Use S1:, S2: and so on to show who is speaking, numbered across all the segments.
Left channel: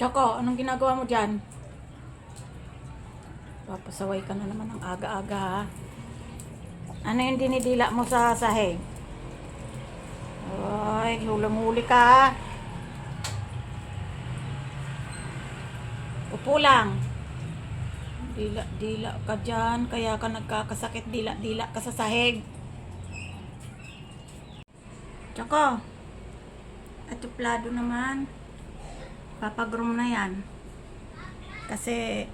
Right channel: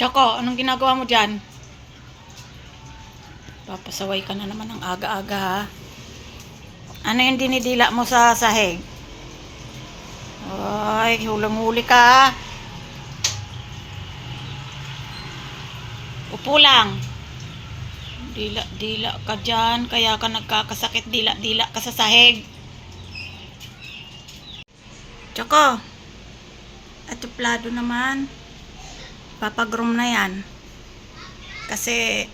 S1: Choco, anong ginagawa mo dyan? Papasaway ka na naman ng aga-aga ha. Ano yung dinidila mo sa sahig? Ay, hulang-huli ka. Upo lang. Dila-dila ka dyan, kaya ka nagkakasakit, dila-dila ka sa sahig. Choco, atuplado naman. Papagroom na yan. Kasi,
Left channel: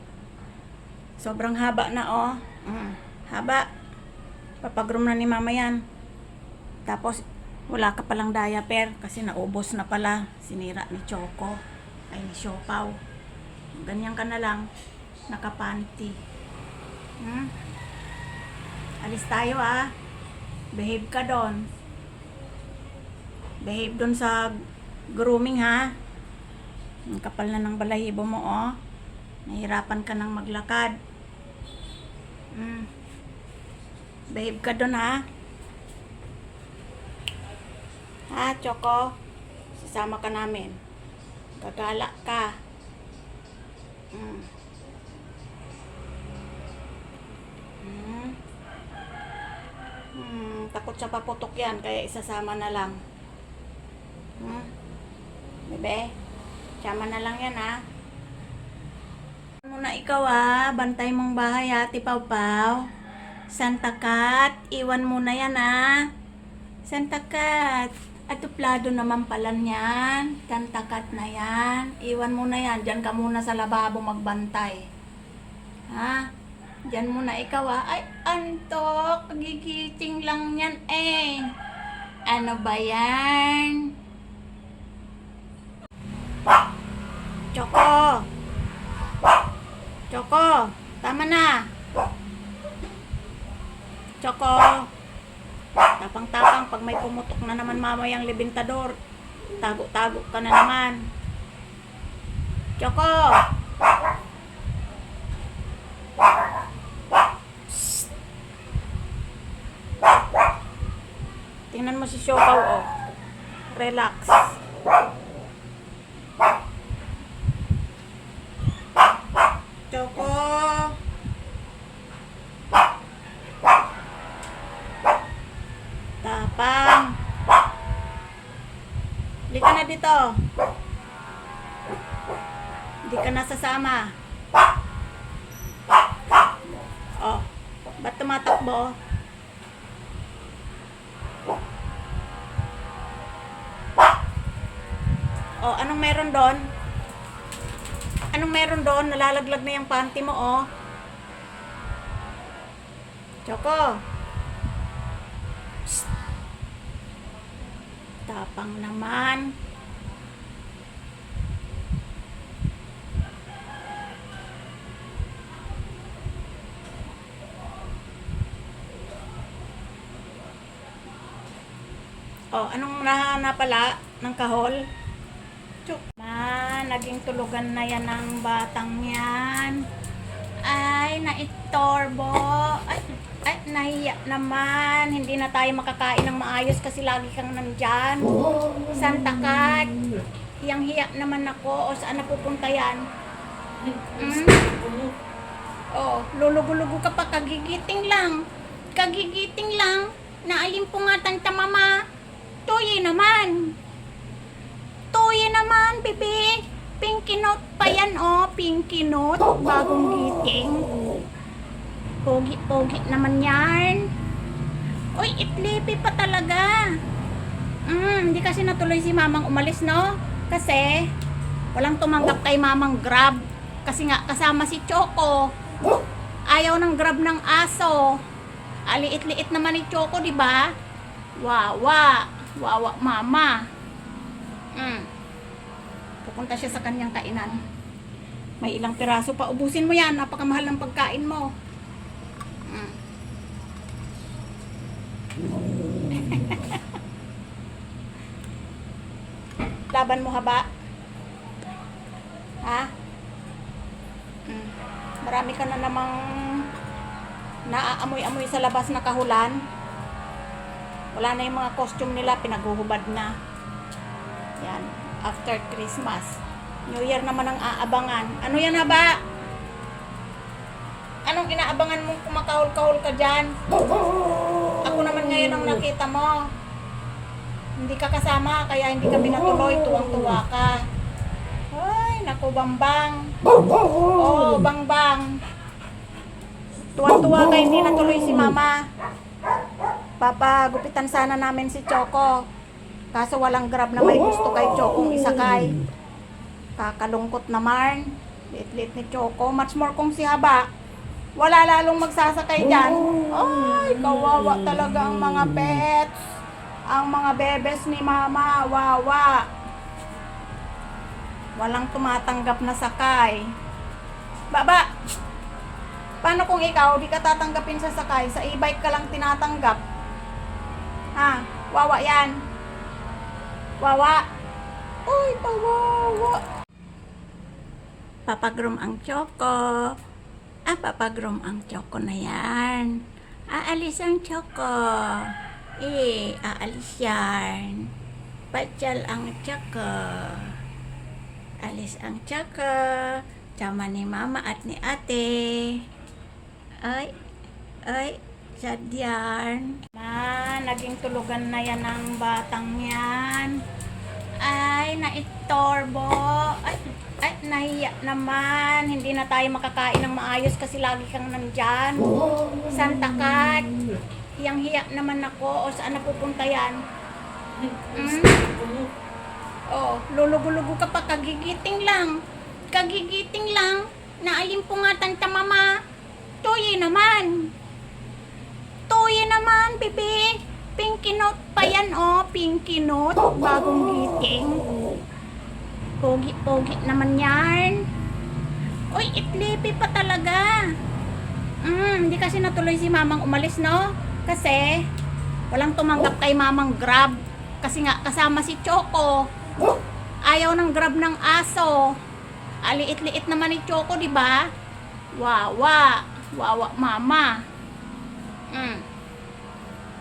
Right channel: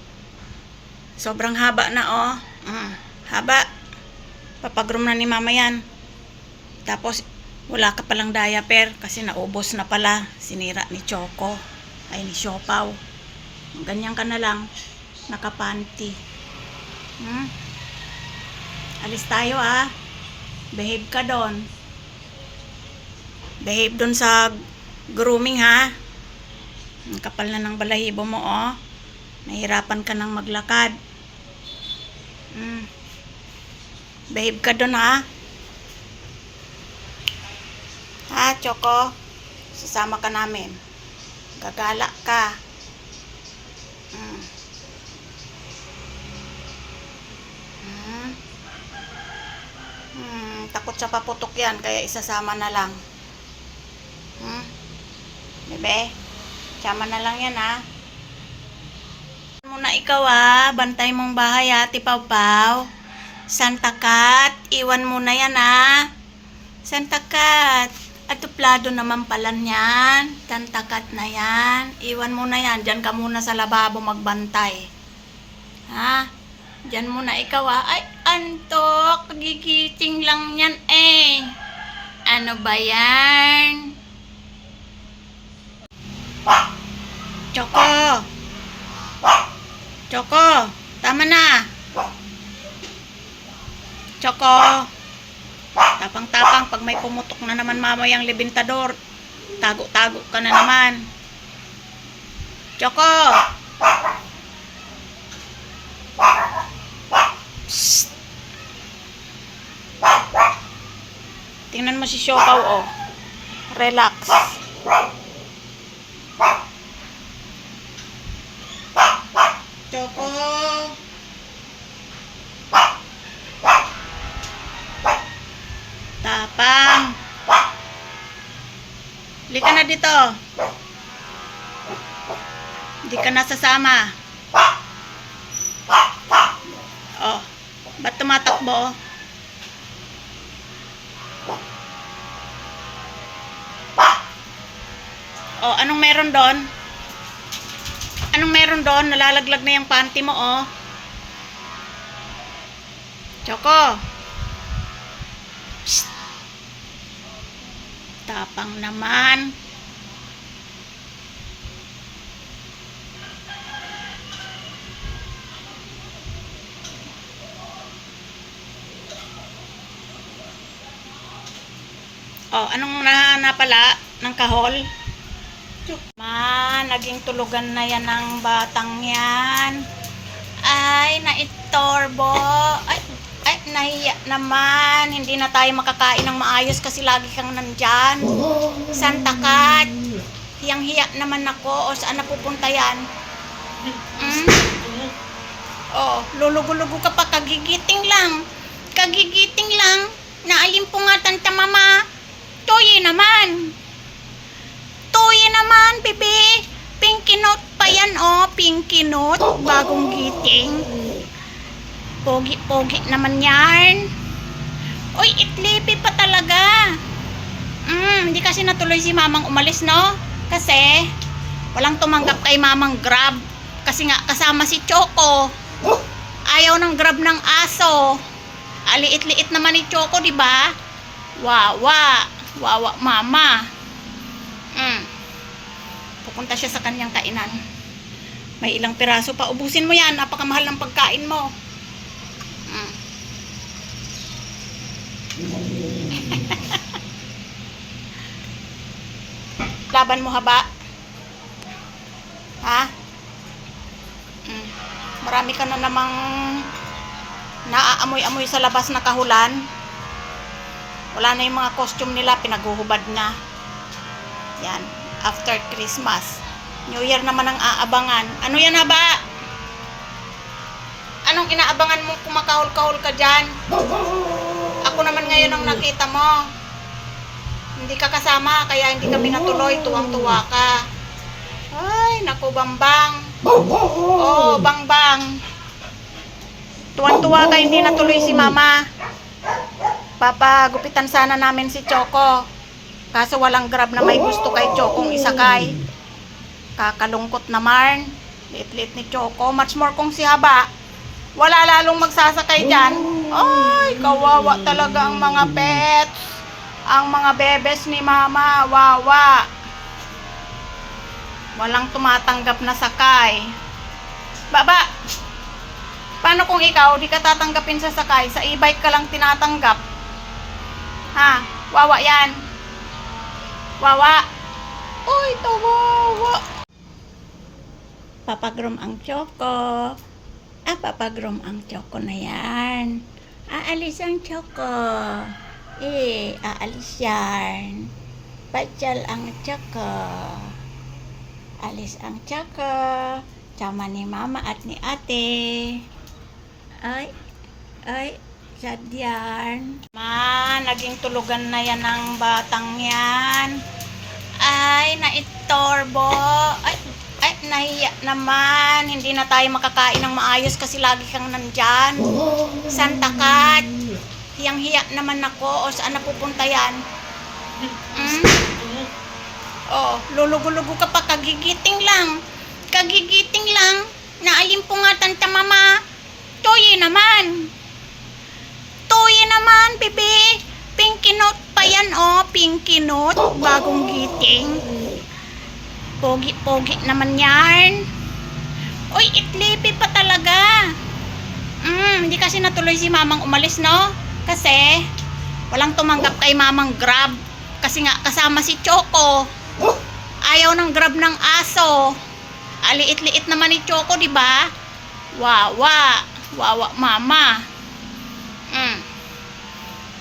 S1: sobrang haba na oh. Mm, haba. Papagroom na ni mama yan. Tapos, wala ka palang diaper kasi naubos na pala. Sinira ni Choco. Ay, ni Siopaw. Ganyan ka na lang. Nakapanty. Hmm? Alis tayo ah. Behave ka doon. Behave doon sa grooming ha. Ang kapal na ng balahibo mo, oh. Nahirapan ka nang maglakad. Mm. Behave ka doon, ha? Ha, Choco? Sasama ka namin. Gagala ka. Mm. Mm. Hmm, takot sa paputok yan, kaya isasama na lang. Hmm? Bebe? Sama na lang yan ha. Muna ikaw ha. Bantay mong bahay ha, Tipaw Paw. Santa Cat, iwan mo na yan ha. Santa Cat. Atuplado naman pala niyan. Santa Cat na yan. Iwan mo na yan. Diyan ka muna sa lababo magbantay. Ha? Diyan muna ikaw ha. Ay, antok. Gigiting lang yan eh. Ano ba yan? Choco! Choco! Tama na! Choco! Tapang-tapang pag may pumutok na naman mamayang libintador. Tago-tago ka na naman. Choco! Psst. Tingnan mo si Siopaw, oh. Relax. Choco. Tapang. Hindi ka na dito. Hindi ka na sasama. Oh. Ba't tumatakbo? Oh, anong meron doon? Anong meron doon? Nalalaglag na yung panty mo, oh. Choco. Psst. Tapang naman. Oh, anong nahanapala ng kahol? Ma, naging tulugan na yan ng batang yan. Ay, naitorbo. Ay, ay, nahiya naman. Hindi na tayo makakain ng maayos kasi lagi kang nandyan. Santa Cat. Hiyang-hiya naman ako. O saan napupunta yan? Hmm? Oh, lulugo-lugo ka pa. Kagigiting lang. Kagigiting lang. Naalimpungatan ta mama. Toye naman. Toye naman, bebe. Pinky note pa yan, oh. Pinky note. Bagong giting. Pogi-pogi naman yan. Uy, itlipi pa talaga. Mm, hindi kasi natuloy si mamang umalis, no? Kasi, walang tumanggap kay mamang grab. Kasi nga, kasama si Choco. Ayaw ng grab ng aso. Aliit-liit naman ni Choco, di ba? Wawa. Wawa, mama. Mm. Pupunta siya sa kanyang kainan. May ilang piraso pa. Ubusin mo yan. Napakamahal ng pagkain mo. Mm. Laban mo haba? Ha? Mm. Marami ka na namang naaamoy-amoy sa labas na kahulan. Wala na yung mga costume nila, pinaghuhubad na. Yan, after Christmas. New Year naman ang aabangan. Ano yan haba? Anong inaabangan mong kumakahol-kahol ka dyan? Ako naman ngayon ang nakita mo. Hindi ka kasama, kaya hindi kami natuloy. Tuwang-tuwa ka. Ay, naku, bambang. Oh, bang-bang. Tuwan-tuwa ka, hindi natuloy si mama. Papagupitan sana namin si Choco. Kaso walang grab na may gusto kay Chocong isakay. Kakalungkot naman. Liit-liit ni Choco. Much more kung si Haba. Wala lalong magsasakay dyan. Ay, kawawa talaga ang mga pets. Ang mga bebes ni Mama. Wawa. Walang tumatanggap na sakay. Baba! Paano kung ikaw, di ka tatanggapin sa sakay, sa e-bike ka lang tinatanggap? Ha? Wawa yan. Wawa. Uy, tawawa. Papagrom ang choco. Ah, papagrom ang choco na yan. Aalis ang choco. Eh, aalis yan. Patsal ang choco. Alis ang choco. Tsama ni mama at ni ate. Ay, ay, sad naging tulugan na yan ng batang yan. Ay, naitorbo. Ay, ay, nahiya naman. Hindi na tayo makakain ng maayos kasi lagi kang nandyan. Santa Cat. Hiyang-hiya naman ako. O saan napupunta yan? Hmm? Oh, lulugo-lugo ka pa. Kagigiting lang. Kagigiting lang. Naalimpungatan ta mama. Toye naman. Toye naman, bebe. Pinky note pa yan, oh. Pinky note. Bagong giting. Pogi-pogi naman yan. Uy, itlipi pa talaga. Mm, hindi kasi natuloy si mamang umalis, no? Kasi, walang tumanggap kay mamang grab. Kasi nga, kasama si Choco. Ayaw ng grab ng aso. Aliit-liit naman ni Choco, di ba? Wawa. Wawa mama. Mm.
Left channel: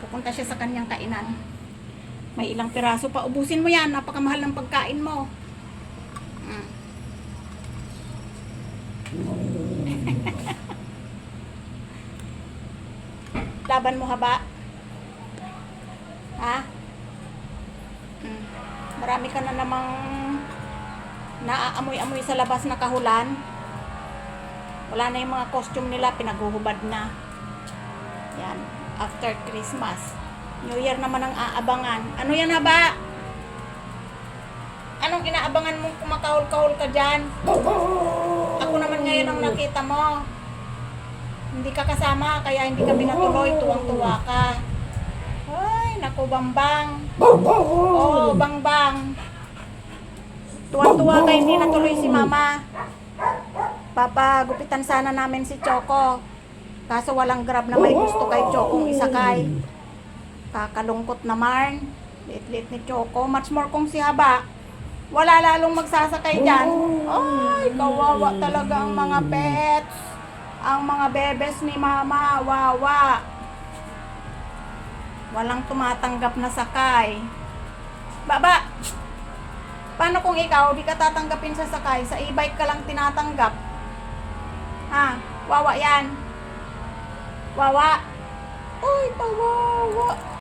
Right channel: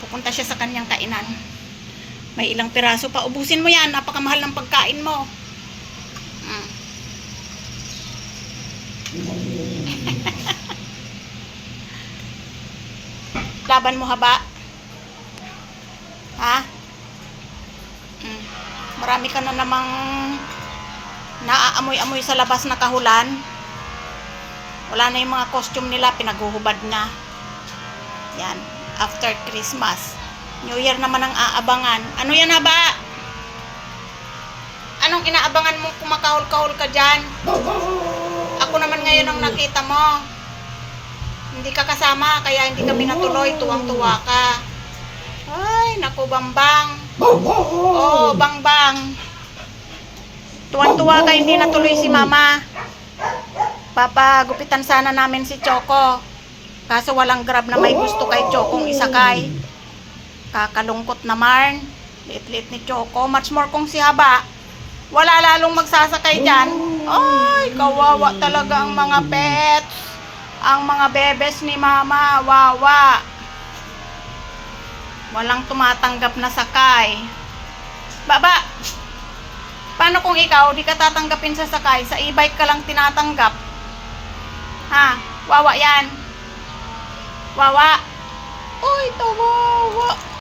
S1: Pupunta siya sa kanyang kainan. May ilang piraso pa. Ubusin mo yan. Napakamahal ng pagkain mo. Mm. Laban mo haba? Ha? Mm. Marami ka na namang naaamoy-amoy sa labas na kahulan. Wala na yung mga costume nila, pinaguhubad na. Yan, after Christmas. New Year naman ang aabangan. Ano yan haba? Anong inaabangan mong kumakahol-kahol ka dyan? Ako naman ngayon ang nakita mo. Hindi ka kasama, kaya hindi kami natuloy. Tuwang-tuwa ka. Ay, naku, bambang. Oh, bang-bang. Tuwan-tuwa ka, hindi natuloy si mama. Papagupitan sana namin si Choco. Kaso walang grab na may gusto kay Chocong isakay. Kakalungkot naman. Liit-liit ni Choco. Much more kung si Haba. Wala lalong magsasakay dyan. Ay, kawawa talaga ang mga pets. Ang mga bebes ni mama. Wawa. Walang tumatanggap na sakay. Baba! Paano kung ikaw, di ka tatanggapin sa sakay, sa e-bike ka lang tinatanggap? Ha? Wawa yan. Wawa. Uy, tawawa.